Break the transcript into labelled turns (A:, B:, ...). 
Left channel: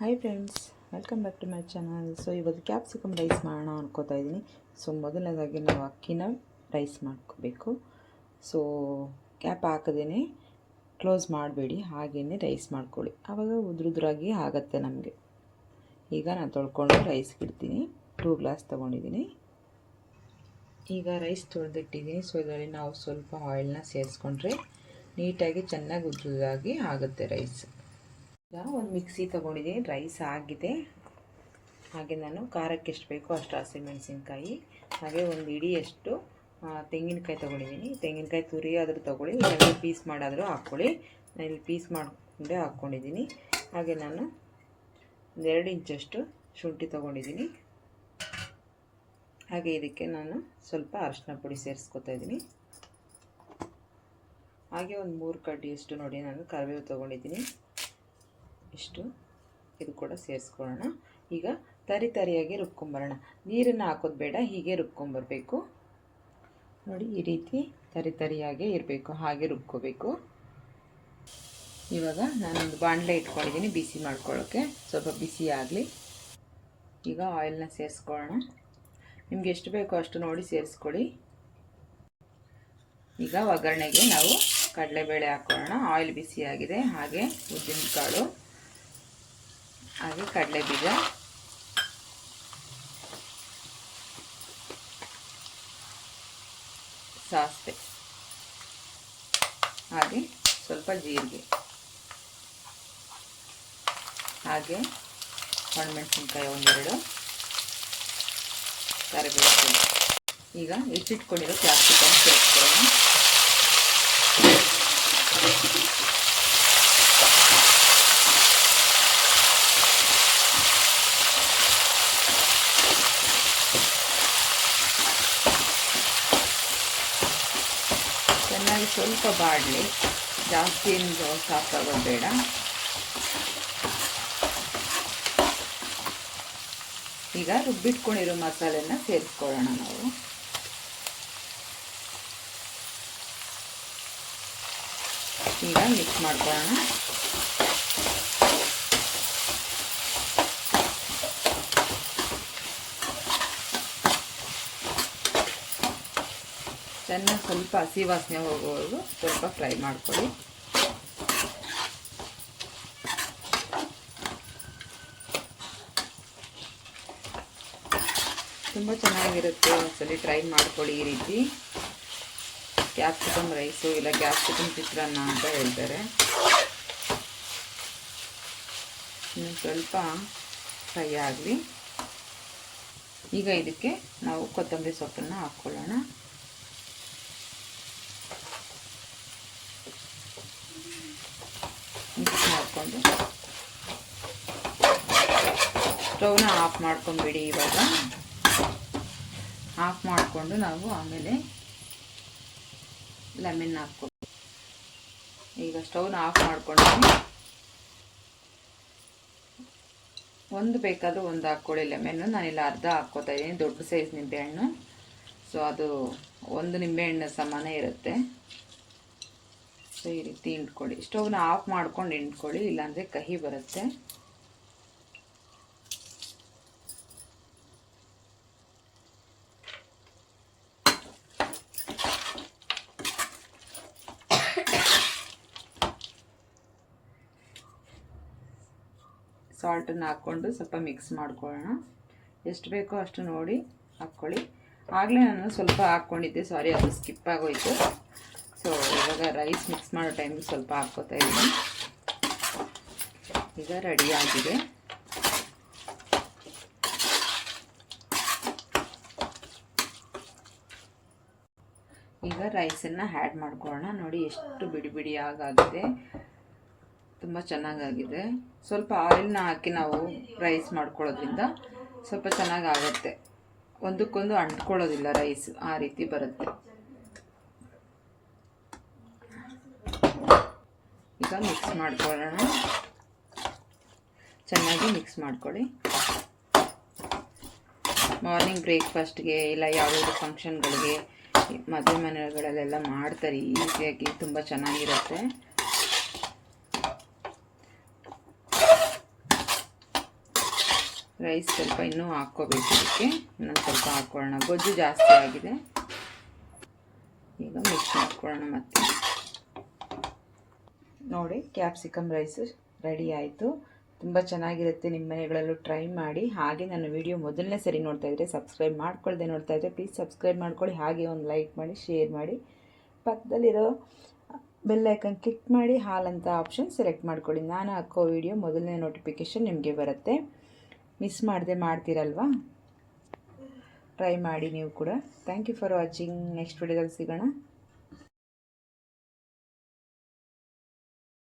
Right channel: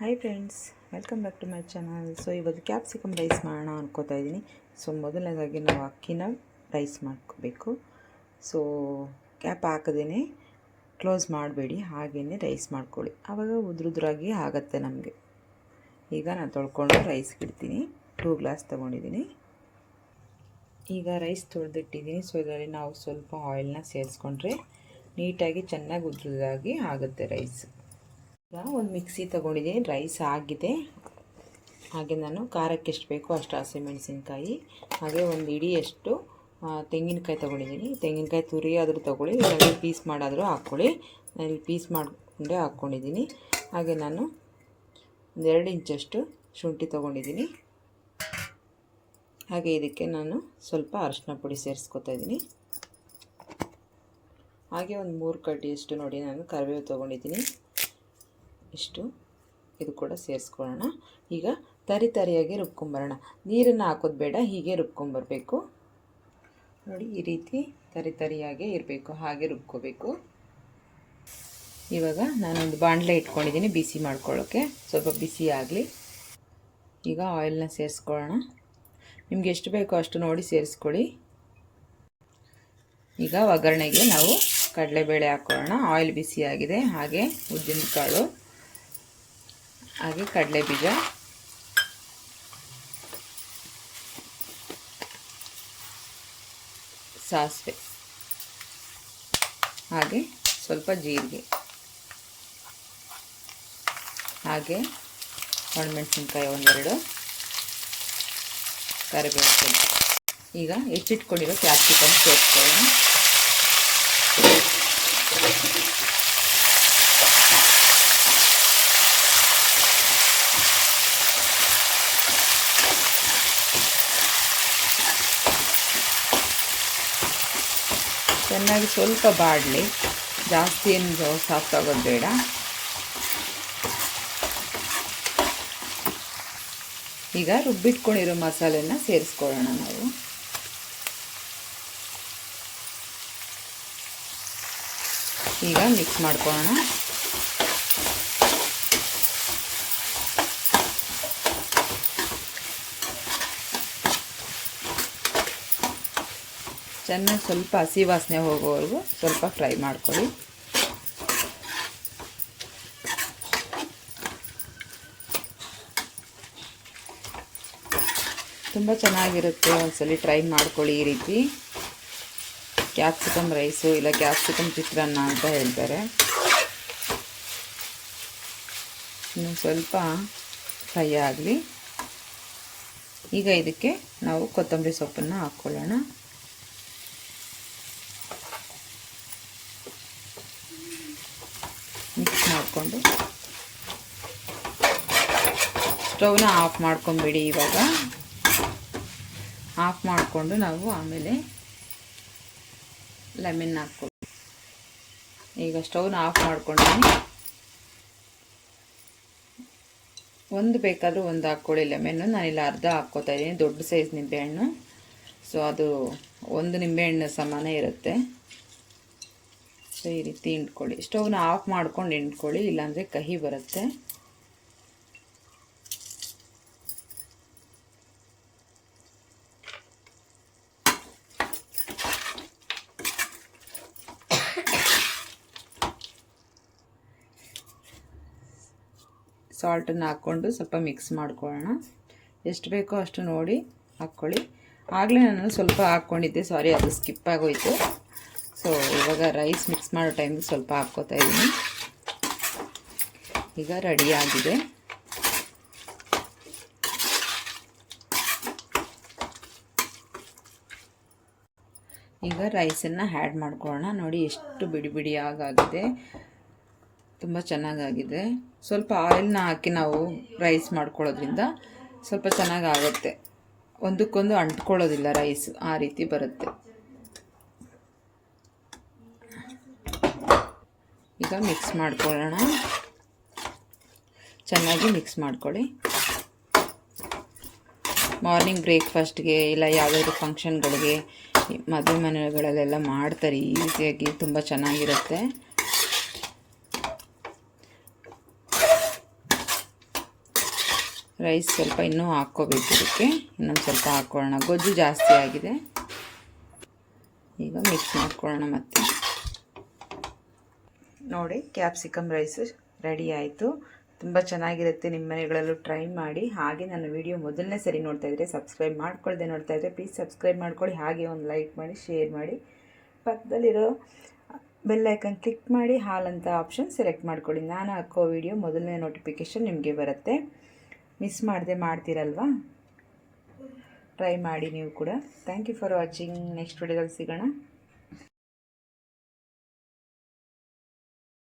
A: Hi friends welcome back to my channel so ಇವತ್ತು capsicum rice ಮಾಡೋಣ ಅನ್ಕೋತಾ ಇದ್ದೀನಿ ಸೊ ಮೊದಲನೇದಾಗಿ ನಾವು ಅಕ್ಕಿನ ರೈಸ್ ಮಾಡ್ಕೋಬೇಕು. ಸೊ ಕ್ಯಾಪ್ ಹಾಕದೇ ಕ್ಲೋಸ್ ಮಾಡಬೇಡಿ ಹಾಗೇ ರೈಸ್ ಮಾಡ್ಕೊಳ್ಳಿ. ಆವಾಗ ಉದ್ರುದ್ರಾಗಿ ಆಗುತ್ತೆ ನಮಗೆ. ಈಗ ನಾನು ತೊಳ್ಕೊಂಡು ರೈಸ್ಗೆ ಇಡ್ತೀನಿ. ಟೂ ಗ್ಲಾಸ್ ತೊಗೊಂಡಿದ್ದೀನಿ ಈಗ ರೈಸ್ ತೊಳೆದಿಟ್ಟಿದ್ದೀನಿ ಸೊ ಇದರಲ್ಲಿ ನಾವು ಸ್ವಲ್ಪ ಆಯಿಲ್ನ ಸೇರಿಸ್ಕೊಂಡ್ರೆ ನೀಟಾಗಿ ಚೆನ್ನಾಗಿ ಉದ್ರುದಾಗಿ ಆಗುತ್ತೆ ರೈಸ್ ಈಗ ಒಂದು ಮಿಕ್ಸಿ ತೊಗೊಂಡಿದ್ದೀನಿ, ರೈಸ್ ಆಗಿದೆ. ಹಾಗೆ ನಾನು ಖಾರಕ್ಕೆ ಎಷ್ಟು ಬೇಕೋ ಅಷ್ಟು ಹಸಿಮೆಣಸಿನ್ಕಾಯಿ ಹಾಗೆ ಒಂದು ಇಡಿಯಷ್ಟು ತೆಂಗಿನಕಾಯಿ ತೊಗೊಂಡಿದ್ದೀನಿ. ತೆಂಗಿನಕಾಯಿ ತುರಿ ಆದರೂ ತೊಗೊಳ್ಳಿ, ಇಲ್ಲಾಂದರೆ ಪೀಸ್ ಮಾಡಾದರೂ ಹಾಕ್ಕೊಳ್ಳಿ. ನಾನು ಇಲ್ಲಿ ಪೀಸ್ ಮಾಡಿಕೊಂಡೆ ಹಾಕ್ಕೊಂಡಿದ್ದೀನಿ. ಹಾಗೆ ನಾನು ಒಂದೆರಡು ಇಂಚಷ್ಟು ಶುಂಠಿ ತೊಗೊಂಡಿದ್ದೀನಿ. ಹಾಗೆ ಇದಕ್ಕೆ ನಾನು ಸ್ವಲ್ಪ ಅರಶಿನ ಪುಡಿ ಸೇರಿಸ್ಕೊತಾ ಇದ್ದೀನಿ. ಹಾಗೆ ಒಂದು ಮೂರು ಕಡ್ಡಿಯಷ್ಟು ನೋಡಿ ನಾನು ಕರಿಬೇವು ತೊಗೊಂಡಿದ್ದೀನಿ. ಇಷ್ಟು ಇದು ಕೂಡ ಸೇರಿಸ್ಕೊಳ್ಳೋಣ. ಈಗ ತರಿ ತರಿಯಾಗಿ ರುಬ್ಕೊಂಬರೋಣ. ನೀರನ್ನು ಹಾಕೋದು ಬೇಡ, ಹೀಗೆ ರುಬ್ಕೊಂಬರಬೇಕು. ನೋಡಿ, ಈ ರೀತಿ ತರಿ ತರಿಯಾಗೆ ಇರಬೇಕು, ಹಾಗೆ ರುಬ್ಕೋಬೇಕು. ಇವಾಗ ನಾನೊಂದು ಬಾಣಲೆ ಇಟ್ಕೊಂಡಿದ್ದೀನಿ, ಬಿಸಿ ಮಾಡ್ಕೊಳ್ಳೋಕ್ಕೆ ಸ್ವಲ್ಪ ಬಿಸಿ ಆಗಲಿ. ಈಗ ಆಯಿಲ್ನ ಸೇರಿಸ್ಕೊಳ್ಳೋಣ. ನಿಮ್ಗೆ ಎಷ್ಟು ಬೇಕೋ ಅಷ್ಟು ನೋಡಿ ಸೇರಿಸ್ಕೊಳ್ಳಿ. ಈಗ ಒಗ್ಗರಣೆಗೆ ನಾವು ಕಡಲೆಬೇಳೆ ಹಾಕ್ಕೊಳ್ಳೋಣ. ಆಯಿಲ್ ಬಿಸಿಯಾಗಿದೆ, ಹಾಗೆ ಉದ್ದಿನ ಕಾಳು ಹಾಗೆ ಕಡಲೆ ಬೀಜ. ಸಾಸಿವೆ. ಹಾಗೆ ಸ್ವಲ್ಪ ಜೀರಿಗೆ. ಹಾಗೆ ಒಣಮೆಣಸಿನ್ಕಾಯಿ ಒಂದೆರಡು. ಕರಿಬೇವು ಈಗ ಹೆಚ್ಚಿಟ್ಕೊಂಡಿರೋ ಕ್ಯಾಪ್ಸಿಕಮ್ ಸೇರಿಸ್ಕೊಳ್ಳೋಣ. ಚೆನ್ನಾಗಿ ಸ್ವಲ್ಪ ಬಾಡಲಿ. ಜಾಸ್ತಿ ಏನು ಸಾಫ್ಟ್ ಬೇಡ. ಈಗ ರುಬ್ಬಿಟ್ಕೊಂಡಿರೋ ಮಸಾಲೆನ ಸೇರಿಸ್ಕೊಳ್ಳೋಣ ನಾವು. ಈಗ ಮಿಕ್ಸ್ ಮಾಡ್ಕೊಳ್ಳೋಣ. ಚೆನ್ನಾಗಿ ಸ್ವಲ್ಪ ಹಸಿ ವಾಸನೆ ಹೋಗೋವರೆಗೂ ಸ್ವಲ್ಪ ಫ್ರೈ ಮಾಡ್ಕೊಳ್ಳಿ. ತುಂಬ ಚೆನ್ನಾಗಿರುತ್ತೆ ಒಂದ್ಸಲಿ ಟ್ರೈ ಮಾಡ್ಕೊಳ್ಳಿ ಈ ರೀತಿ. ಕ್ಯಾಪ್ಸಿಕಮ್ ರೈಸು ಇಲ್ಲ ಕ್ಯಾಪ್ಸಿಕಮ್ ಚಿತ್ರಾನ್ನ ಅಂತ ಹೇಳ್ತಾರೆ. ಇನ್ನು ಸ್ವಲ್ಪ ಫ್ರೈ ಆಗಲಿ. ಈಗ ಇದಕ್ಕೆ ನಾವು ಕೊತ್ತಂಬರಿ ಸೊಪ್ಪನ್ನು ಹಾಕ್ಕೊಳ್ಳೋಣ. ಮಿಕ್ಸ್ ಮಾಡಿಕೊಂಡು. ಸ್ಟವ್ನ ಆಫ್ ಮಾಡ್ಕೊಂಬಿಡಿ ಇವಾಗ. ಆಫ್ ಮಾಡಿಕೊಂಡು ನಾವು ಆಮೇಲೆ ಲೆಮನ್ ಹಾಕ್ಕೊಂಡು ಈಗ ಸ್ಟವ್ನ ಆಫ್ ಮಾಡ್ಕೊಂಡು ಒಂದು ಬೇಕಾದರೂ ಒಂದು ಹಾಕ್ಕೊಳ್ಳಿ ಲೆಮನ್ನು ನಾನಿಲ್ಲ ಅರ್ಧ ಹಾಕ್ಕೋತಾ ಇದ್ದೀನಿ. ದೊಡ್ಡ ಸೈಜ್ ನಿಂಬೆಹಣ್ಣು ಸೊ ಅದು ಒಂದು ನಿಂಬೆಹಣ್ಣು ಸಮಾನ ಇರುತ್ತೆ. ಸೊ ಈ ರೀತಿ ಹಿಂಡ್ಕೊಳ್ಳಿ. ಸ್ಟವ್ನ ಆಫ್ ಮಾಡ್ಕೊಂಡು ಹಿಂಡ್ಕೊಳ್ಳಿ, ಇಲ್ಲಾಂದರೆ ಕಹಿ ಬರುತ್ತೆ. ಸಾಲ್ಟನ್ನು ಹಾಕ್ಕೊಂಡು ಸ್ವಲ್ಪ ಮಿಕ್ಸ್ ಮಾಡ್ಕೊಳ್ಳೋಣ. ಎಷ್ಟು ಬೇಕೋ ಅಷ್ಟು ನೋಡಿ ಹಾಕ್ಕೊಳ್ಳಿ. ಆಗಲೇ ನಾನು ಸ್ವಲ್ಪ ಹಾಕ್ಕೊಂಡಿದ್ದೆ. ಸಾರಿ, ಅದು ಸ್ಕಿಪ್ ಆಗೋಯ್ತು. ಸೊ, ಇವಾಗ ರೈಸ್ ಮಿಕ್ಸ್ ಮಾಡೋ ಟೈಮ್ಗೆ ಸ್ವಲ್ಪ ಹಾಕ್ಕೋತಾ ಇದ್ದೀನಿ ಈಗ ರೆಡಿ ಆಗಿದೆ. ಈಗ ರೈಸನ್ನು ಆ್ಯಡ್ ಮಾಡ್ಕೊಳ್ಳೋಣ. ನೋಡಿ, ಎಷ್ಟು ಬಿಡಿ ಬಿಡಿಯಾಗಾಗಿದೆ. ತುಂಬ ಚೆನ್ನಾಗಾಗಿದೆ. ಸ್ವಲ್ಪ ಆಯಿಲ್ನ ಹಾಕಿ ನಾವು ರೈಸ್ ಮಾಡ್ಕೊಳ್ಳೋದ್ರಿಂದ ಸ್ವಲ್ಪ ಚೆನ್ನಾಗಾಗುತ್ತೆ. ಒಂದಕ್ಕೊಂದು ಅಂಟ್ಕೊಳ್ಳೋದಿಲ್ಲ ರೈಸ್ ಆ ರೀತಿ ಬರುತ್ತೆ. ಈಗ ಮಿಕ್ಸ್ ಮಾಡ್ಕೊಳ್ಳೋಣ. ಚೆನ್ನಾಗಿ ಮಿಕ್ಸ್ ಮಾಡ್ಕೊಳ್ಳಿ. ಮಾರ್ನಿಂಗ್ ಬ್ರೇಕ್ಫಾಸ್ಟ್ಗೆ ಇಲ್ಲ ಯಾವುದಾದ್ರು ಫಂಕ್ಷನ್ಗಳಿಗೆ ಮದುವೆ ಮನೆಗಳಲ್ಲೆಲ್ಲ ಮಾಡ್ತಾರೆ, ಈಸಿಯಾಗಿ ತುಂಬ ಚೆನ್ನಾಗಿರುತ್ತೆ. ರೈಸ್ ಸ್ವಲ್ಪ ಇನ್ನೂ ಹಾಕ್ಕೋಬೇಕು ಇದಕ್ಕೆ. ಇನ್ನೊಂದು ಸ್ವಲ್ಪ ಹಾಕ್ಕೊಳ್ಳೋಣ. ಗೊಜ್ಜು ಜಾಸ್ತಿ ಆಗಿದೆ. ಈಗ ಮಿಕ್ಸ್ ಮಾಡ್ಕೊಳ್ಳೋಣ ಮತ್ತೆ. ನೋಡಿ ಕ್ಯಾಪ್ಸಿಕಮ್ ರೈಸ್ ರೆಡಿ ಆಯಿತು. ತುಂಬ ಚೆನ್ನಾಗಿರುತ್ತೆ ನಿಮ್ಮ ಮನೆಗಳಲ್ಲೂ ಟ್ರೈ ಮಾಡಿ. ಹಾಗೆ ನನ್ನ ವಿಡಿಯೋ ಮೊದಲನೇ ಸರಿ ನೋಡ್ತಾ ಇದ್ದರೆ ಸಬ್ಸ್ಕ್ರೈಬ್ ಮಾಡ್ಕೊಳ್ದೆ ನೋಡ್ತಾ ಇದ್ದರೆ ಪ್ಲೀಸ್ ಸಬ್ಸ್ಕ್ರೈಬ್ ಮಾಡ್ಕೊಳ್ಳಿ. ಹಾಗೆ ಒಂದು ಲೈಕ್ ಮಾಡಿ ಶೇರ್ ಮಾಡಿ. ಪಕ್ಕದಲ್ಲಿರೋ ಬೆಲ್ಲೈಕನ್ ಕ್ಲಿಕ್ ಮಾಡಿ ಹಾಲಂತ ಆಪ್ಷನ್ ಸೆಲೆಕ್ಟ್ ಮಾಡ್ಕೊಳ್ಳಿ. ನಾನು ಹಾಕೋ ವಿಡಿಯೋ ಮೊದಲನೇ ನೋಟಿಫಿಕೇಷನ್ ನಿಮಗೆ ಬರುತ್ತೆ. ಮಿಸ್ ಮಾಡದೆ ಮಾಡ್ತೀರಲ್ವಾ? ಟ್ರೈ ಮಾಡಿ ನೀವು ಕೂಡ. Thank you for watching next ವಿಡಿಯೋದಲ್ಲಿ ಸಿಗೋಣ.